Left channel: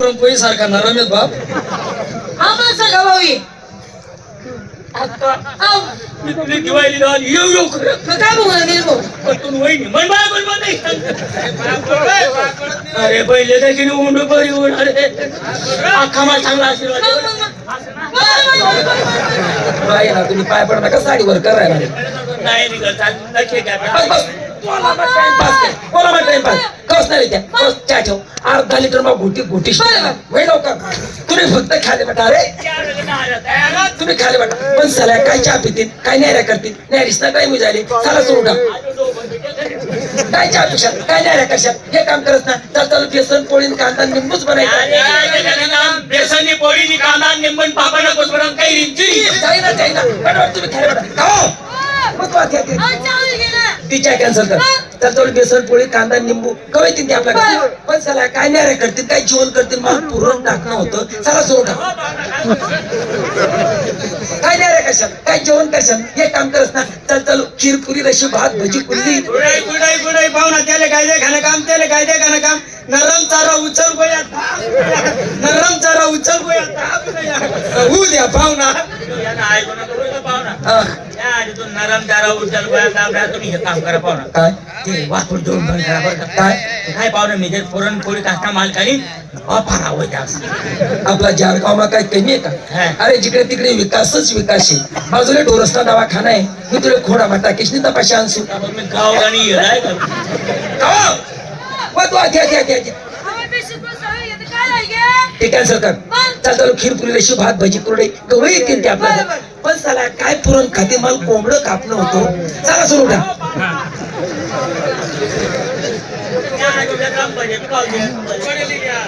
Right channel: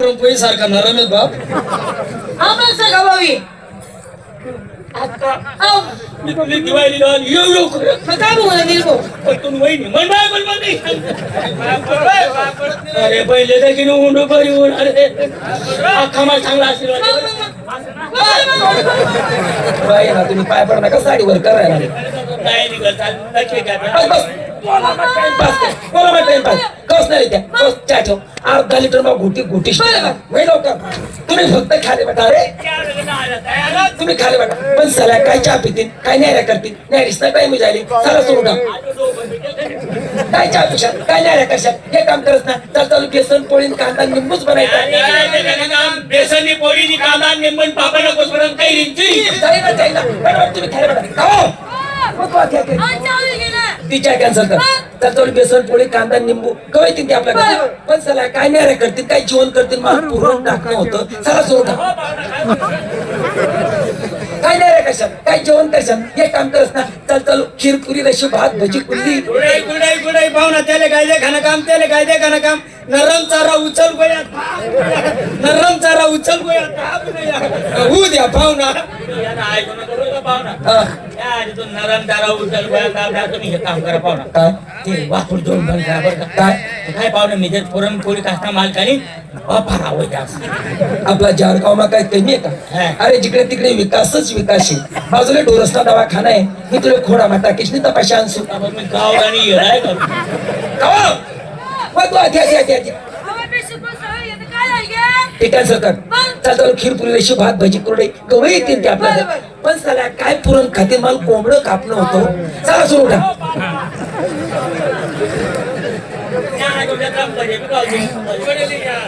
पुरणपोळी सारखा बाप. आमचं गवाई अक्का आव. मी तुला दिवाळी लावून येऊ येऊ करत. मग काय बोला गेलो पटकन वहिनी म्हण बाय, म्हण बाय, नाही. अरे पहिले देखील उंड बरी उड अरे अख्खा मला चांगला आशीर्वाद तुम्ही पाय पडा नका साडीवर करायला नाही निघत. बोला मग टाइमपास कर. बोला मग टाइमपास कस नाही त्या. कस चहा ठेव अर्धा लिटर मग घुटी घुटी वही लवकर. तुम्ही फक्त खाली बेटा आल्या, तयार? तुम्ही खाली बेटा पण सल्या काय चहा पितील? काय न्यायला करतील? न्यायला टाइम झाली चला सुरू का काय चहा पिशात काय न्यायला कशात हे काम करत ना. चल चालू बेसन पोळी कांदा निंबूच बनायचा. बेसनी पोळीची कांदा निंबन पापड नको काही रिंची जाईना जाईना. मॅडम तुम्ही खाली बेटा खाओ मग तू. आधी तिच्या कॅन्सल कर. तर थोडी बेसन पोळी कांदा निंबू कवा येतील ते आपल्याकडे. पण चला काय नाही रे करतील काय जेवण करतील मला पुरण टाकणं होतं. चला का काय नाही रे कशात? काय जेवण कशात? हे काम करत ना चल चल खीर पुरी रशी भात भजी कुल्ली. गुडाई गुडाई गुडाई पाहुणा त्याले काय दे घनकाम त्याले काय दे घनकाम नरम चारा उचल गोया. नरम चारा उचल गोया. होऊ द्या पाहुणा. पाहुणा? हा, नरम तुम्ही हे काम करा पाहुणा. काय? ते वापरून देऊन बंद करा बरं का. काय? काय पाहुणा मी जे पुरणपोळी काष्टा मालकानी वापर आवडते आपला जारगावला काय कमी आहे हा. का अरे जिकडे तिकडे विकासच विकास आहे. बाजूला डोरसला दवाखाना आहे. मी तुला खोडा माता किशनी तपाशी आणसू गावरानी येडाय का? खाओ. मग तू आधी आधी आधी आधी. ते कॅन्सल कर. चल चल खीर पुरी रशी भात भजी कुरडे गवळी येतील ते आपल्याला. पण चला काय पुरण खाते मला कोंबडं कापणं होतं. चला सुरू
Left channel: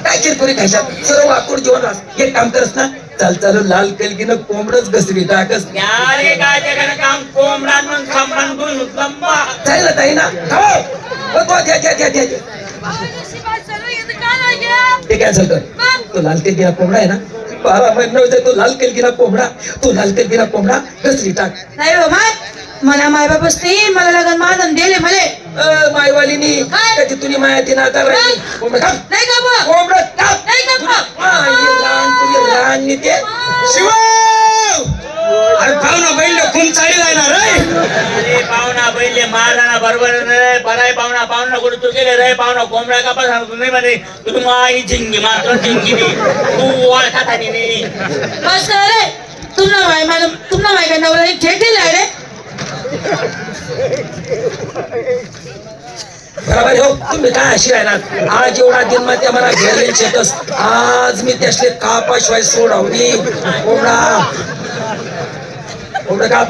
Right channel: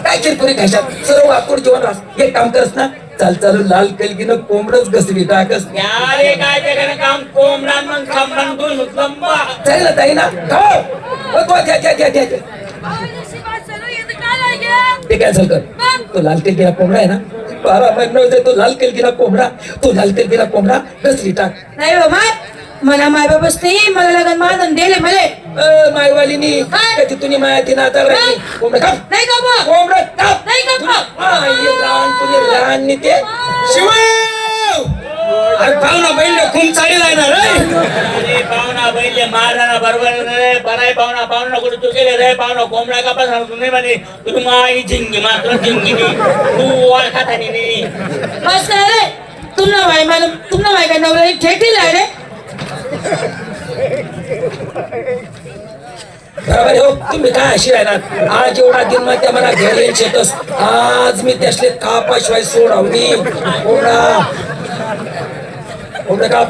काय चिरपुरी खाशात? सर्व लाकूड जेवण रास. हे काम करस ना. चाल चालू लाल कलगीनं कोंबडच घसरी टाकस कोंबडा मग खंबन गुण लंबा चालेल ना ताई ना. खाओ. ते कॅन्सल कर तो लाल केलगिरा कोंबडा आहे ना? बारा महिने होते तो लाल केलगिरा कोंबडा. तो लाल केलगिरा कोंबडा घसरी टाक नाही बाबा मला माय बाबाच नाही मला लग्न माझं दिले मले. मायवालीनी कधी तुम्ही माया दिना तर राहिली. कोंबडं. नाही का कोंबडं टाक. नाही का हा, हे लहान तुझे लहान ते शिव अरे पाहुणा बैल खूप चाळी जाणार रे अरे पाहुणा बैले मारला बरोबर रे बराय पाहुणा. पाहुणा कुठे तू केले रे? पाहुणा कोंबडा का पण तुम्ही म्हणे तुम्ही माई झिंगी मात्र झिंगी तू ओळखा नाही बस रे तुमना माय मला तुमना माय का नवरा थेट दिला रे. बरोबर आहे, हो तुम्ही काय अशी राहणार आज एवढा दिनमध्ये मला घर येतस आज मी त्यासले कापाशिवाय सोडावली. कोंबडा. कोंबडं का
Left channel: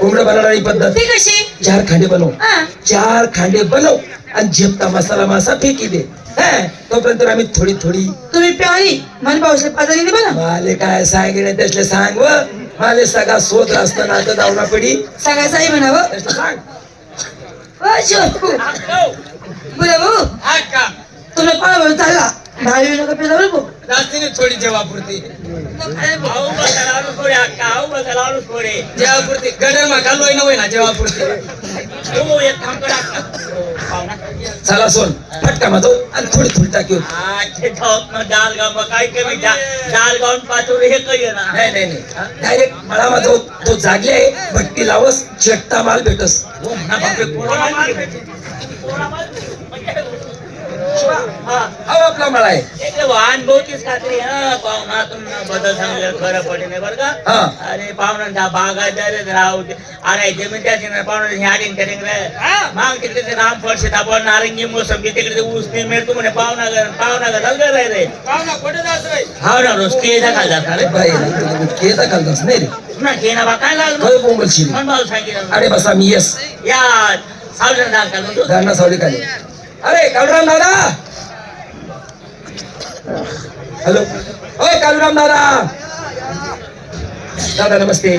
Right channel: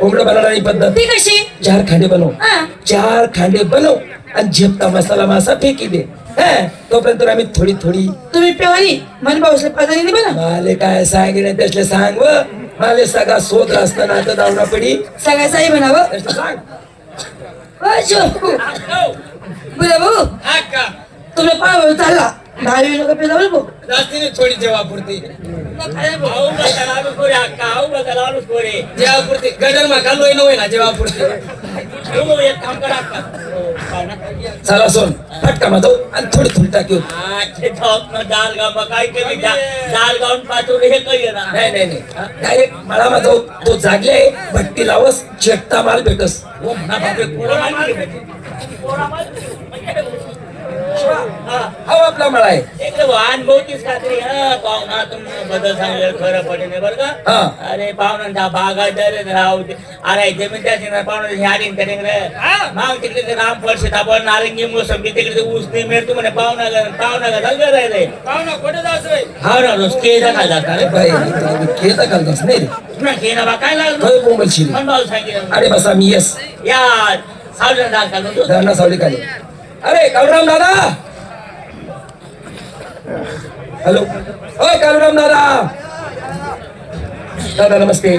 कोंबडं बनवणारी पद्धत. ती कशी? चार खांडे बनव. हा. चार खांडे बनव आणि झेपता मसाला मासा फेकी दे. हं, तोपर्यंत आम्ही थोडी थोडी. तुम्ही पेवाली मन भाऊसला पाजारी माले काय सांगितलं त्यासले सांग व. माले सगळा सोद असताना आता जाऊना पडी. सगळ्या जाई म्हणावं. त्यासले सांग. बरं भाऊ. तुला पाव चालला दहावी जास्तीने थोडी जेवापुरती आऊ जेवापुरती मा ना जेवापुरती चला सोन फटका आणि थोडी थोडी टाकी आजचे धावत ना डाल गाव काय कमी डाल गाऊन पाठवले हे काही ना नाही नाही नाही. डायरेक्ट मला माझा तो जागले भट्टी लावस चेकता माल भेटस. हो म्हणा बापरे हा आपला मळा आहे. बदल सांगेल खरं पडीने बरं का अरे पाहुणा बागायदार राहू अरे जमीनच्याची ना पाहुणा राम फळशे दाबळ नारंगी मोसंबी तिकडे ऊस नाही मिळत तुम्हाला पाहुणा पाहुणा पाहुणा कुठे जायचं हा ना रोज काय जाता रे बा काय लागलो सांगितलं अरे बस आम्ही येस या सावजण दाखल म्हणतो धरणा सावली खाली अरे कवराम दादा हॅलो ओ कालुराम दादा दादा नमस्ते